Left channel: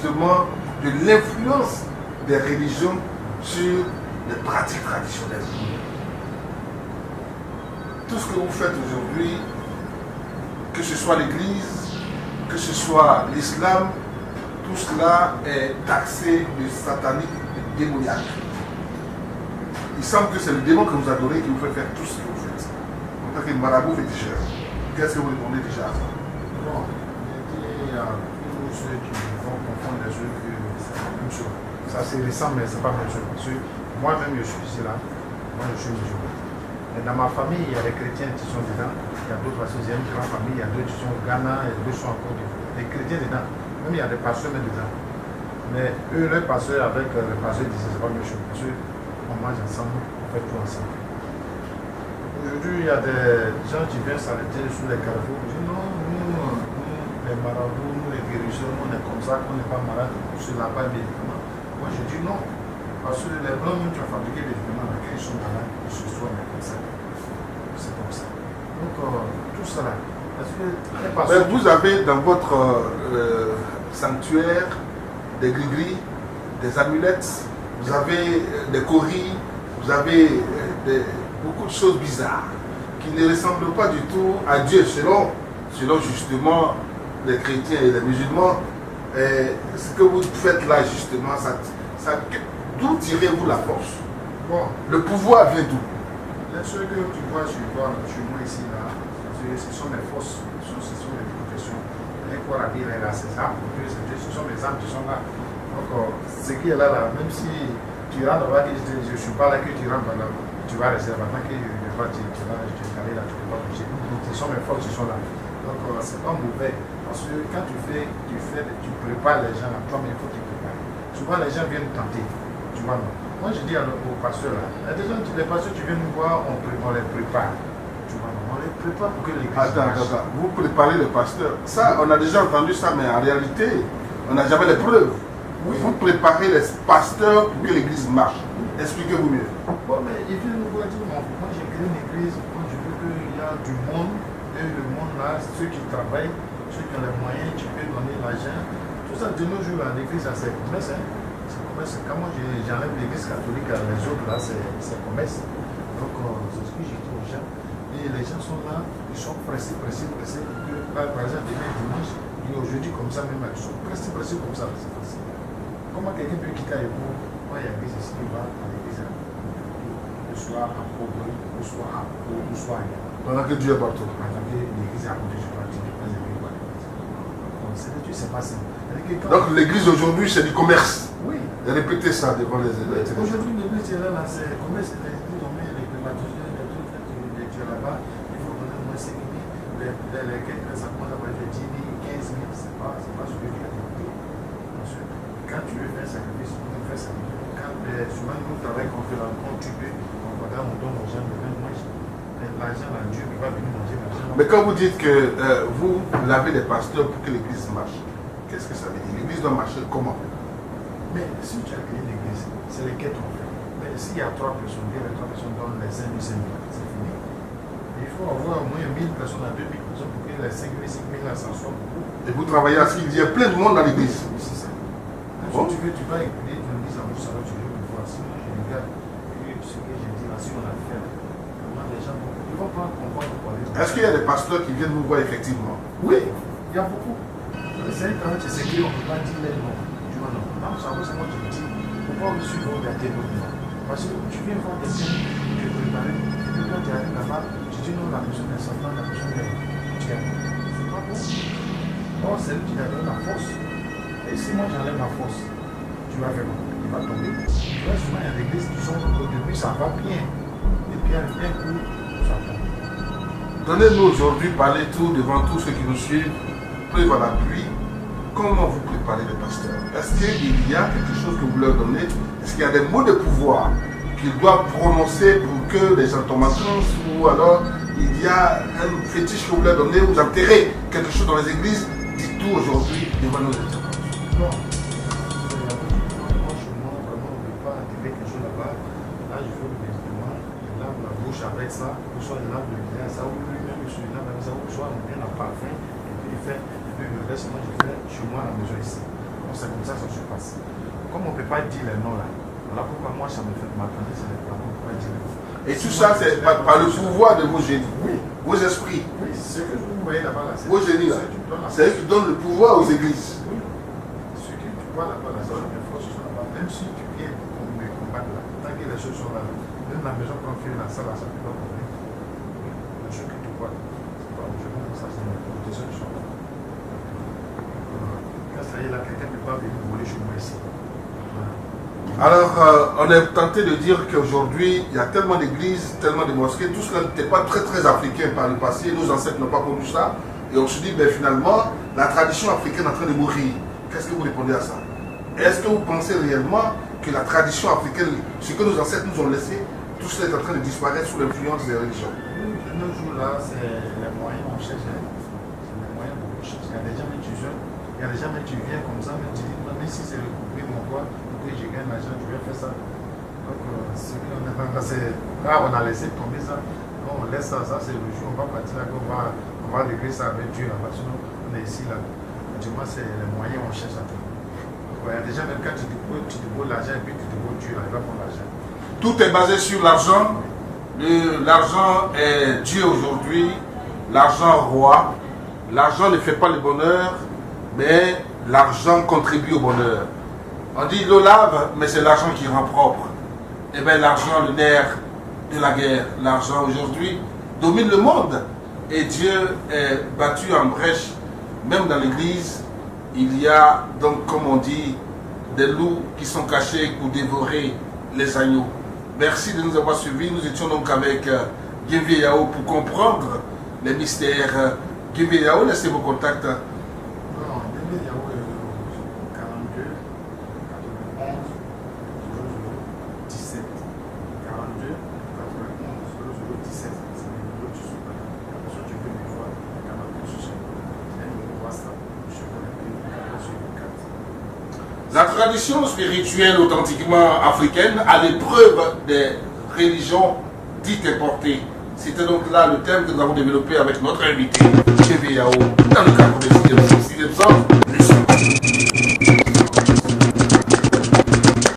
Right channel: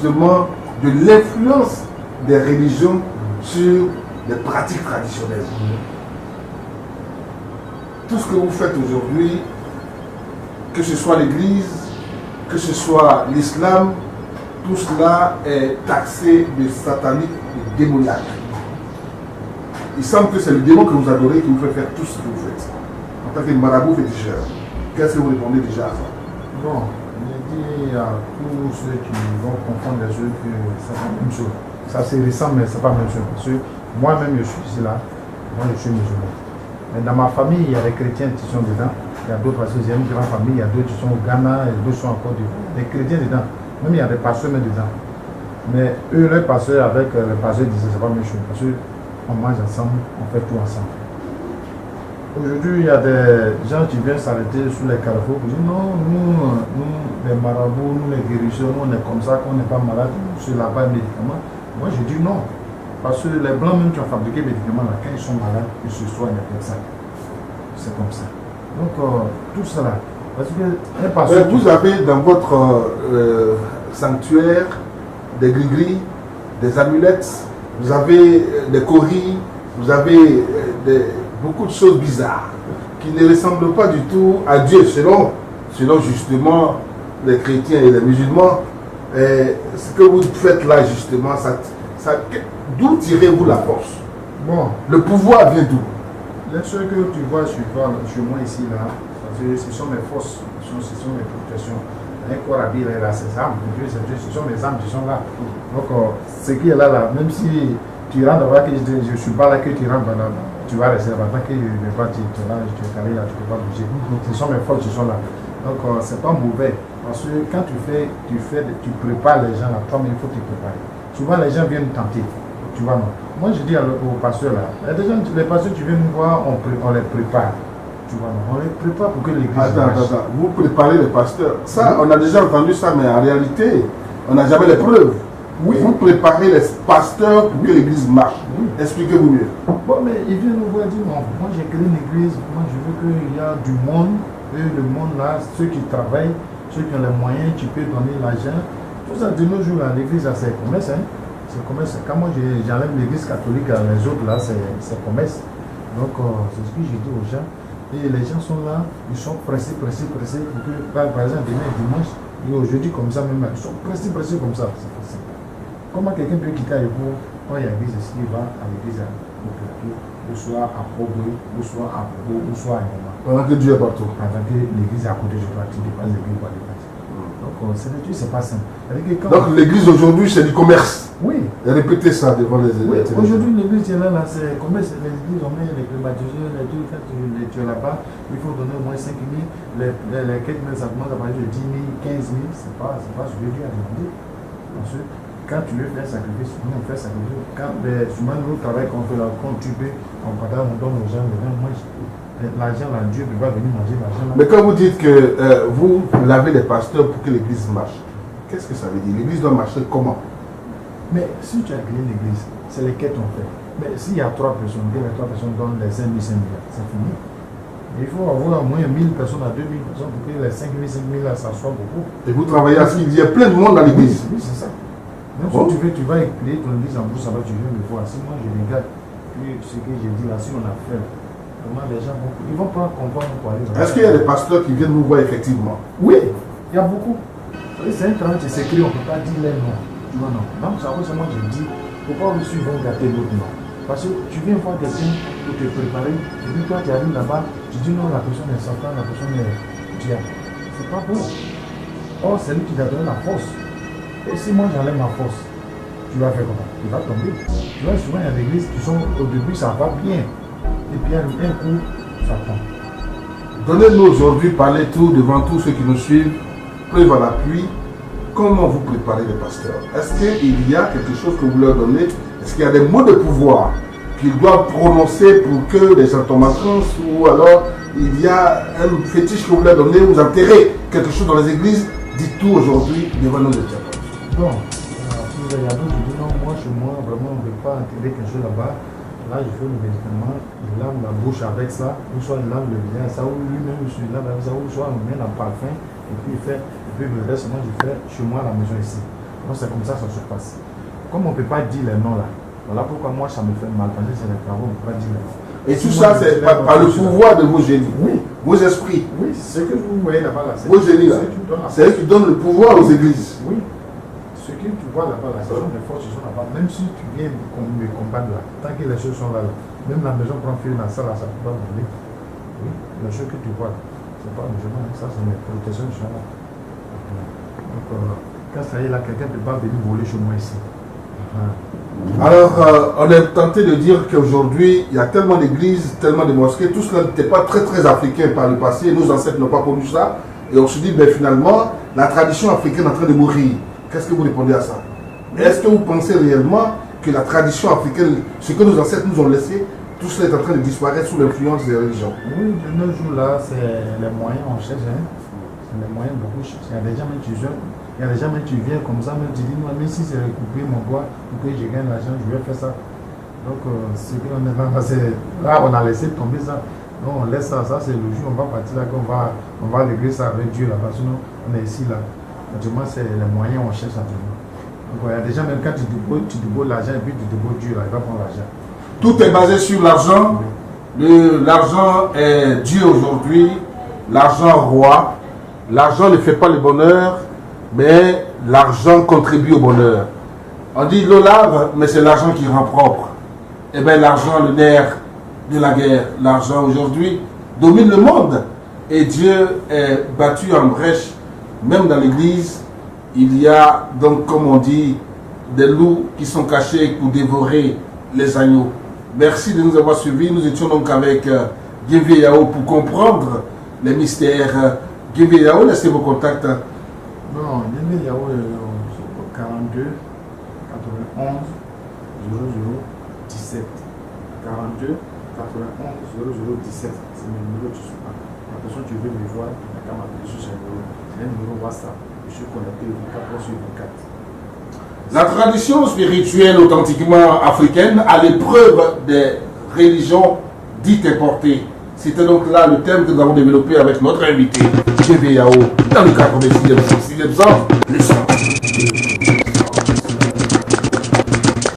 justement de l'influence des religions sur les pratiques traditionnelles. Tout ce que vous faites aujourd'hui, que ce soit l'Église, que ce soit l'islam, tout cela est taxé de satanique, de démoniaque. Il semble que c'est le démon que vous adorez qui vous fait faire tout ce que vous faites. En tant que marabout féticheur, qu'est-ce que vous répondez déjà à ça? Bon, je dis à tous ceux qui vont confondre les choses que c'est pas la même chose. Ça c'est récent, mais c'est pas la même chose. Parce que moi-même, je suis ici là, moi je suis musulman. Mais dans ma famille, il y a des chrétiens qui sont dedans. Il y a d'autres, parce que j'ai une grande famille, il y a d'autres qui sont au Ghana, et d'autres qui sont en Côte d'Ivoire. Des chrétiens dedans. Même il y a des pasteurs dedans. Mais eux, les pasteurs avec les pasteurs disaient c'est pas la même chose. Parce qu'on mange ensemble, on fait tout ensemble. Aujourd'hui, il y a des gens qui viennent s'arrêter sur les carrefours pour dire non, nous, les marabouts, nous les guérisseurs, nous on est comme ça, qu'on n'est pas malade, c'est là-bas les médicaments. Moi je dis non. Parce que les blancs même qui ont fabriqué les médicaments, là, quand ils sont malades, ils se soignent avec ça. C'est comme ça. Donc tout cela. Parce que vous avez dans votre sanctuaire des gris-gris, des amulettes, vous avez des coris, vous avez beaucoup de choses bizarres qui ne ressemblent pas du tout à Dieu, selon justement les chrétiens et les musulmans. Et ce que vous faites là, justement, d'où tirez-vous la force? Bon. Le pouvoir vient d'où? Les choses que tu vois chez moi ici, là, parce que ce sont mes forces, ce sont mes protections. Un corps habillé, il a ses armes, ce sont mes armes qui sont là. Donc, ce qui est là, même si tu rentres là, que je ne suis pas là, que tu rentres là, tu vas rester là. Tant que tu es là, tu es calé là, tu ne peux pas bouger. Ce sont mes forces qui sont là. Donc, ce n'est pas mauvais. Parce que quand tu prépares les gens là, toi-même, il faut te préparer. Souvent, les gens viennent tenter. Tu vois, non? Moi, je dis aux pasteurs là, les pasteurs qui viennent nous voir, on les prépare. Tu vois, non? On les prépare pour que l'église marche. Attends. Vous préparez les pasteurs. Ça, on a déjà entendu ça, mais en réalité, on n'a jamais les preuves. Oui. Vous préparez les pasteurs pour que l'église marche. Oui. Expliquez-vous mieux. Bon, mais ils viennent nous voir et disent, bon, moi j'ai créé une église, moi je veux qu'il y a du monde, et le monde là, ceux qui travaillent, ceux qui ont les moyens, tu peux donner l'argent. Tout ça, de nos jours, l'église, c'est commerce. Hein? C'est commerce. Quand moi j'enlève l'église catholique, les autres là, c'est commerce. Donc, c'est ce que j'ai dit aux gens. Et les gens sont là, ils sont pressés pour que, par exemple, demain dimanche, et aujourd'hui comme ça même, ils sont pressés comme ça. C'est facile. Comment quelqu'un peut quitter Ayopo quand il y a l'église ici, il va à l'église au plateau, ou soit à Pogwe, ou soit à Bobo, ou soit à Nyama. Pendant que Dieu est partout. Pendant que l'église est à côté de toi, tu dépasses l'église pour aller partir. Donc, c'est pas simple. Donc, l'église aujourd'hui, c'est du commerce. Oui. Répétez ça devant les oui, aujourd'hui, l'église est là, c'est commerce. Les églises ont mis les climatiseurs, les trucs. Quand tu es là-bas, il faut donner au moins 5 000. Les 4 000, ça commence à partir de 10 000, 15 000. C'est pas ce que Dieu a demandé. Parce que quand tu veux faire un sacrifice, nous on fait un sacrifice. Quand souvent nous travaillons, quand tu peux, on partage, on donne aux gens, les gens mangent. L'argent là, Dieu ne va venir manger l'argent là. Mais quand vous dites que vous lavez les pasteurs pour que l'église marche, qu'est-ce que ça veut dire? L'église doit marcher comment? Mais si tu as créé une église, c'est les quêtes qu'on fait. Mais s'il y a 3 personnes, que les 3 personnes donnent les 5 000 là, c'est fini. Mais il faut avoir au moins 1000 personnes à 2000 personnes pour que les 5 000 là, ça soit beaucoup. Et vous travaillez à ce qu'il y a plein de monde dans l'église? Oui, c'est ça. Même si tu veux, tu vas créer ton église en brousse, ça va, tu viens me voir. Si moi je regarde ce que j'ai dit là, si on a fait là, vraiment les gens vont, ils ne vont pas comprendre pour aller dans. Est-ce qu'il y a des pasteurs qui viennent nous voir effectivement? Oui, il y a beaucoup. C'est un travail qui s'écrit, on ne peut pas dire les noms. Tu vois, non. Non, ça va, c'est moi je dis, il ne faut pas aussi vont gâter d'autres noms. Parce que tu viens voir quelqu'un pour te préparer, et puis toi tu arrives là-bas, tu dis non, la personne est Satan, la personne est diable. C'est pas bon. Or, c'est lui qui t'a donné la force. Et si moi j'enlève ma force, tu vas faire comment? Il va tomber. Tu vois, souvent il y a des églises qui sont au début, ça va bien. Et puis un coup, ça tombe. Donnez-nous aujourd'hui, parlez tout devant tous ceux qui nous suivent, preuve à l'appui. Comment vous préparez les pasteurs? Est-ce qu'il y a quelque chose que vous leur donnez? Est-ce qu'il y a des mots de pouvoir qu'ils doivent prononcer pour que les gens tombent en transe? Ou alors il y a un fétiche que vous leur donnez, vous enterrez quelque chose dans les églises? Dites tout aujourd'hui devant nos internautes. Non, il y a d'autres qui disent non, moi chez moi, vraiment on ne peut pas enterrer quelque chose là-bas. Là, je fais le médicament, il lave la bouche avec ça, ou soit il lave le visage, ça, ou lui-même il se lave avec ça, ou soit on met le parfum, et puis il fait, et puis le reste, moi je fais chez moi à la maison ici. Donc c'est comme ça que ça se passe. Comme on ne peut pas dire les noms là, voilà pourquoi moi ça me fait mal. Parce que c'est les travaux, on ne peut pas dire les noms. Et tout ça, c'est par le pouvoir de vos génies. Oui. Vos esprits. Oui, ce que vous voyez là-bas là, vos génies là. C'est eux qui donnent le pouvoir aux églises. Oui. Ce que tu vois là-bas là, ce sont des forces qui sont là-bas. Même si tu viens me combattre là, tant que les choses sont là, même la maison prend feu dans ça là, ça ne peut pas brûler. Oui, les choses que tu vois là, ce n'est pas un musulman, ça c'est mes protections qui sont là. Donc, quand ça y est là, quelqu'un ne peut pas venir voler chez moi ici. Alors, on est tenté de dire qu'aujourd'hui, il y a tellement d'églises, tellement de mosquées, tout cela n'était pas très très africain par le passé, nos ancêtres n'ont pas connu ça, et on se dit, ben finalement, la tradition africaine est en train de mourir. Qu'est-ce que vous répondez à ça? Est-ce que vous pensez réellement que la tradition africaine, ce que nos ancêtres nous ont laissé, tout cela est en train de disparaître sous l'influence des religions? Oui, de nos jours là, c'est les moyens on cherche. Hein. C'est les moyens beaucoup. Il y a des gens, même tu viens comme ça, même tu dis, mais si c'est couper mon doigt pour que je gagne l'argent, je vais faire ça. Donc, ce qu'on est là, on a laissé tomber ça. Donc, on laisse ça, c'est le jour, on va partir là, on va régler ça avec Dieu là-bas. Sinon, on est ici là. Actuellement, c'est les moyens on cherche actuellement. Donc, il y a des gens, même quand tu débrouilles l'argent et puis tu débrouilles Dieu là, il va prendre l'argent. Tout est basé sur l'argent. Oui. L'argent est Dieu aujourd'hui. L'argent roi. L'argent ne fait pas le bonheur, mais l'argent contribue au bonheur. On dit l'eau lave, mais c'est l'argent qui rend propre. Eh bien, l'argent, le nerf de la guerre, l'argent aujourd'hui domine le monde. Et Dieu est battu en brèche. Même dans l'église, il y a donc, comme on dit, des loups qui sont cachés pour dévorer les agneaux. Merci de nous avoir suivis. Nous étions donc avec Guévé Yao pour comprendre les mystères. Guévé Yao, laissez vos contacts. Bon, Guévé Yao, 42 91 00 17. 42 91 00 17. C'est mes numéros tu sais. La personne qui veut me voir, il n'a qu'à m'appeler sur ce numéro. C'est un numéro WhatsApp. Je suis connecté 24 sur 24. La tradition spirituelle authentiquement africaine à l'épreuve des religions dites importées. C'était donc là le thème que nous avons développé avec notre invité, Guévé Yao, dans le cadre des 6e ans.